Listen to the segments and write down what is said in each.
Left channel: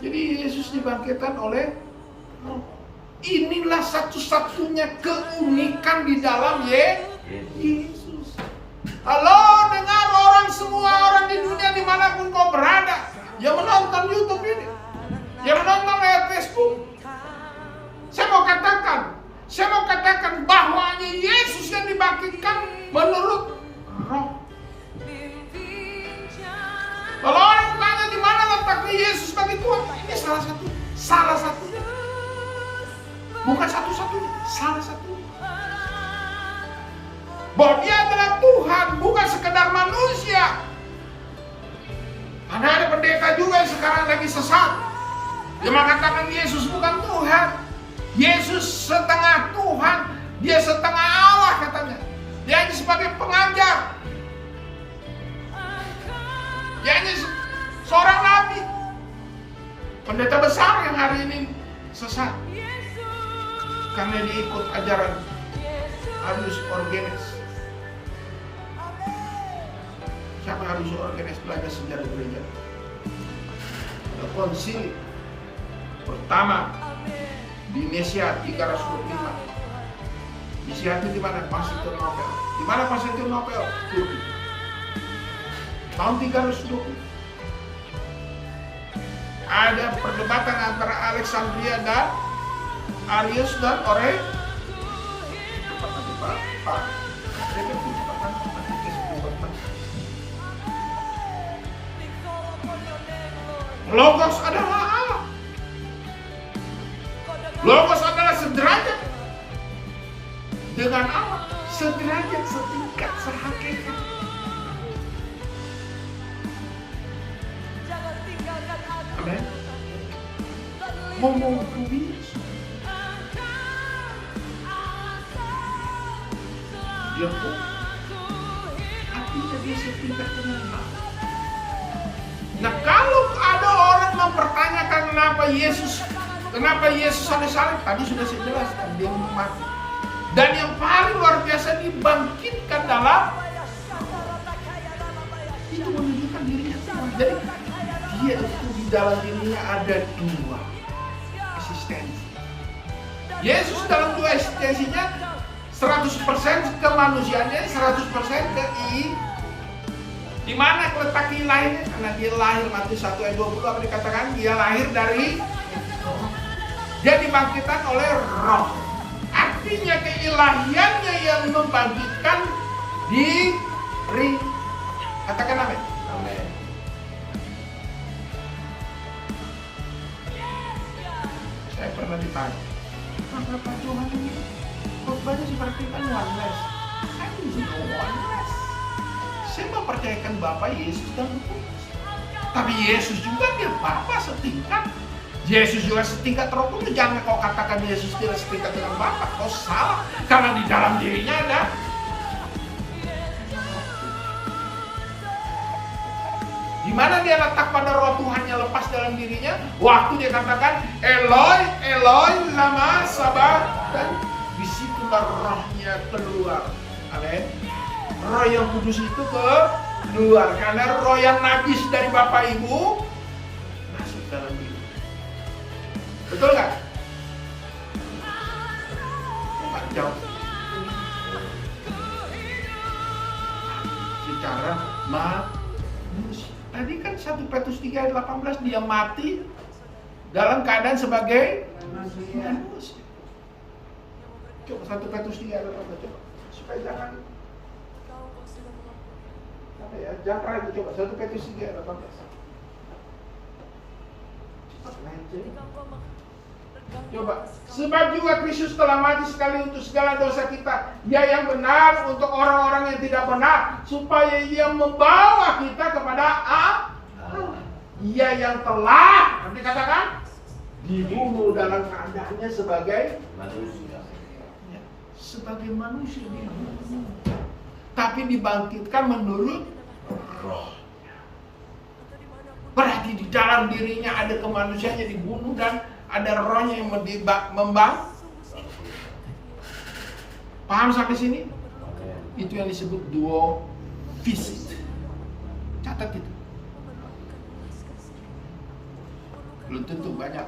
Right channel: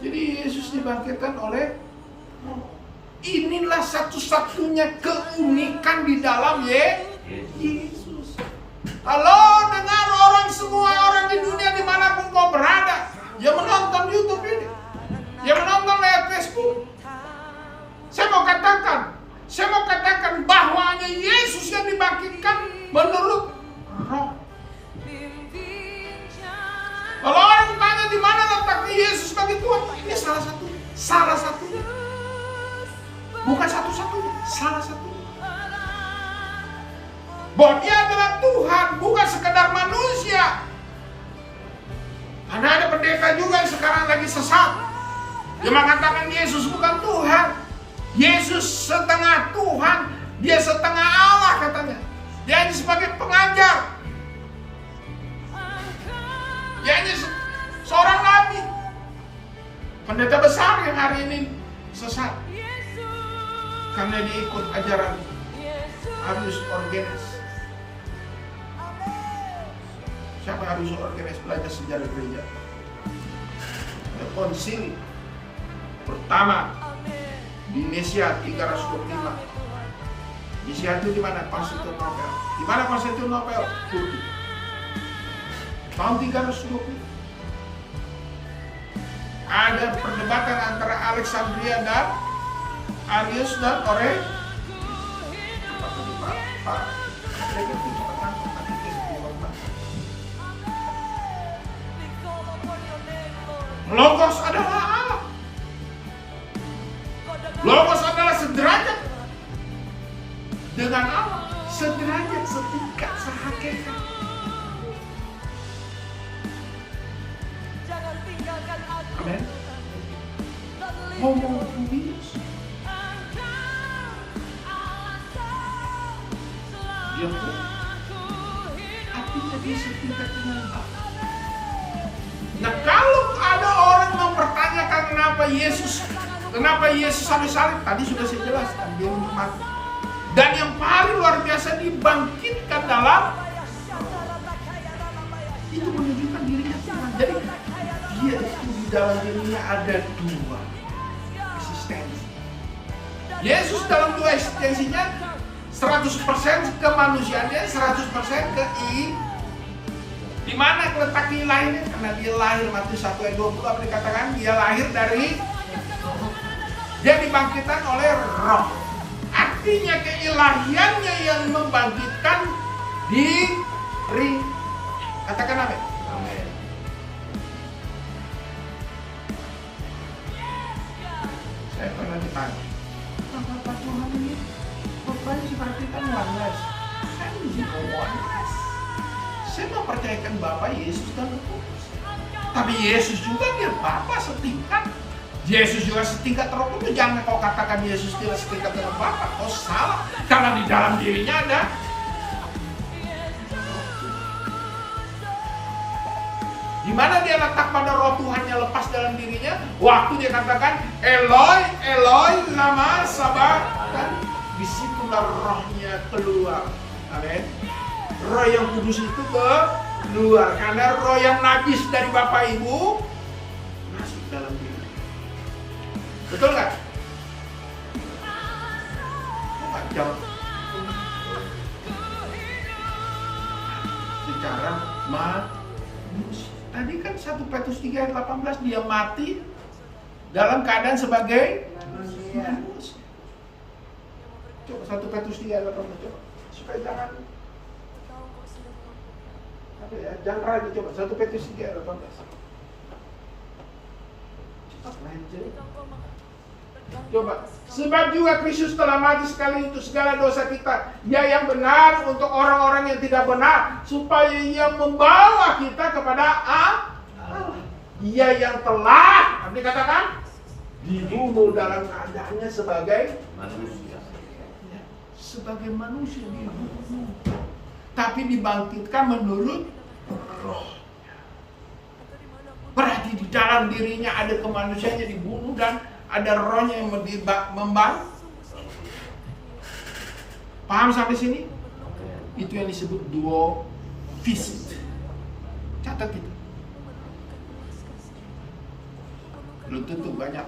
Jadi Yesus dibangkitkan oleh roh. Inilah satu-satunya keunikan di dalam Yesus. Halo, dengar orang semua orang di dunia dimanapun kau berada, yang menonton YouTube ini, yang menonton lewat Facebook. Saya mau katakan bahwa hanya Yesus yang dibangkitkan menurut roh. Kalau orang tanya di mana letaknya Yesus bagi Tuhan, ini salah satunya. Bukan satu-satunya, salah satunya. Bahwa dia adalah Tuhan, bukan sekedar manusia. Karena ada pendeta juga yang sekarang lagi sesat. Dia mengatakan Yesus bukan Tuhan. Yesus setengah Tuhan, dia setengah Allah katanya. Dia hanya sebagai pengajar. Dia hanya seorang nabi. Pendeta besar yang hari ini sesat. Karena dia ikut ajaran Arius Orgenes. Siapa Arius Orgenes? Belajar sejarah gereja. Ada konsili pertama di Indonesia 325. Disiapkan di mana? Konstantinopel. Di mana Konstantinopel? Turki. Tahun 320. Ada perdebatan antara Alexandria dan Arius dan Ore. Logos adalah Allah. Logos adalah sederajat dengan Allah, sederajat, setingkat, sehakikat. Jangan tinggalkan aku. Amin. Homo kubis. Dia pun artinya dia setingkat dengan Allah. Nah, kalau ada orang mempertanyakan kenapa Yesus ada salib, tadi sudah saya jelaskan, dia untuk mati. Dan yang paling luar biasa dibangkitkan dalam itu menunjukkan dirinya Tuhan. Jadi dia itu di dalam dirinya ada dua eksistensi. Yesus dalam dua eksistensinya 100% kemanusiaannya, 100% di mana letak ilahinya? Karena dia lahir, Matius 1 ayat 20 apa dikatakan? Dia lahir dari, dia dibangkitkan oleh roh. Artinya keilahiannya yang membangkitkan diri. Katakan amin. Amin. Saya pernah ditanya, maka Pak Johan ini khotbahnya seperti kan oneness. Saya di oneness. Saya mempercayakan Bapa, Yesus dan Roh Kudus. Tapi Yesus juga dia Bapa setingkat. Yesus juga setingkat Roh Kudus. Jangan kau katakan Yesus tidak setingkat dengan Bapa. Kau salah. Karena di dalam dirinya ada. Di mana dia letak pada roh Tuhannya lepas dalam dirinya? Waktu dia katakan Eloi, Eloi, lama sabachthani. Disitulah rohnya keluar. Amin. Roh yang kudus itu keluar. Karena roh yang najis dari Bapak Ibu masuk dalam diri. Betul nggak? Nggak jauh. Secara manusia. Tadi kan 1 Petrus 3 ayat 18 dia mati dalam keadaan sebagai manusia. Coba 1 Petrus 3 ayat 18 coba. Supaya jangan ya, jangan ragu, coba 1 Petrus 3 ayat 18. Coba, sebab juga Kristus telah mati sekali untuk segala dosa kita, ya yang benar untuk orang-orang yang tidak benar, supaya ia membawa kita kepada Allah. Ia yang telah, dikatakan, dibunuh dalam keadaannya sebagai Manusia. sebagai manusia dibunuh, tapi dibangkitkan menurut rohnya. Berarti di dalam dirinya ada kemanusiaannya dibunuh dan ada rohnya yang membang. Paham sampai sini? Itu yang disebut duo visit. Catat itu. Belum tentu banyak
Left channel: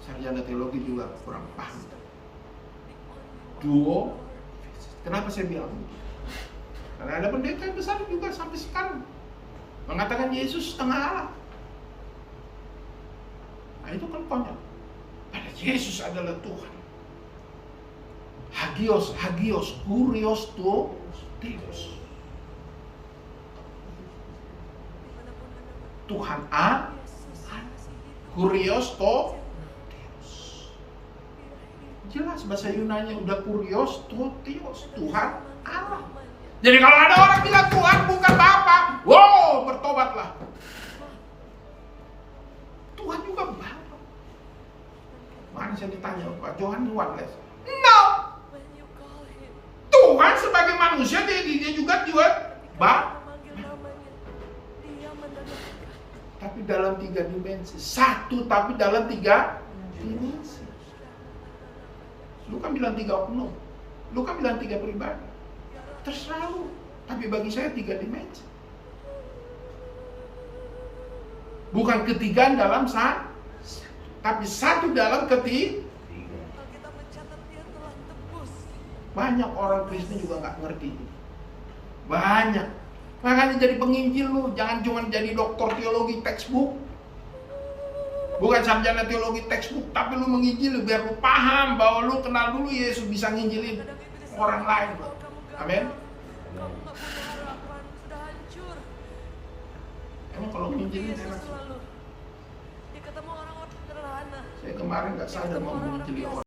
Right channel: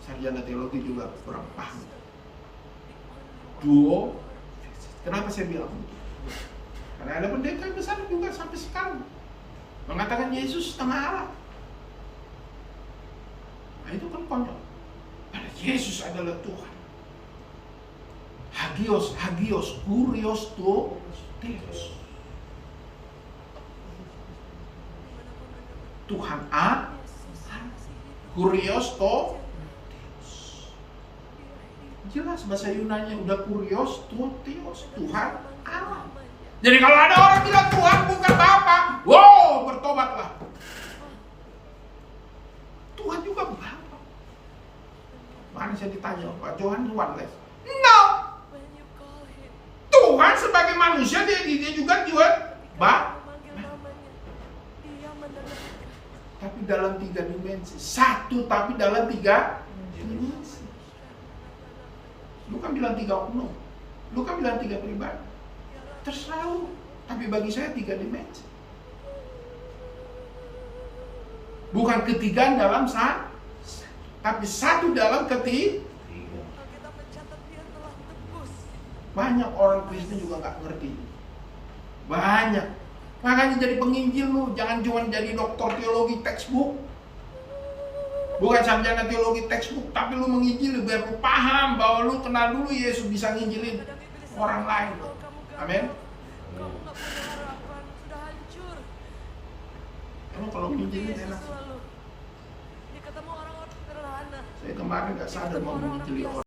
sarjana teologi juga kurang paham. Duo, kenapa saya bilang begitu? Karena ada pendeta yang besar juga sampai sekarang mengatakan Yesus setengah Allah. Nah, itu kan konyol. Pada Yesus adalah Tuhan. Hagios, kurios to Deus. Tuhan A, kurios to Deus. Jelas bahasa Yunani udah kurios to Deus, Tuhan Allah. Jadi kalau ada orang bilang Tuhan bukan Bapa, wow, bertobatlah. Tuhan juga Bapa. Mana saya ditanya Pak Johan Luanles? No. Tuhan sebagai manusia dia juga Bapa. Tapi dalam 3 dimensi. Satu tapi dalam 3 dimensi. Lu kan bilang 3 oknum. Lu kan bilang 3 pribadi. Terserah lu. Tapi bagi saya 3 dimensi. Bukan ketiga dalam satu, tapi satu dalam ketiga. Banyak orang Kristen juga nggak ngerti. Banyak. Makanya jadi penginjil lu, jangan cuma jadi doktor teologi textbook. Bukan sarjana teologi textbook, tapi lu menginjil biar lu paham bahwa lu kenal dulu Yesus bisa nginjilin orang lain. Amin. Kamu nggak punya harapan, sudah hancur. Emang kalau nginjilin enak? Dia ketemu orang-orang sederhana. Saya kemarin nggak sadar mau menginjili orang.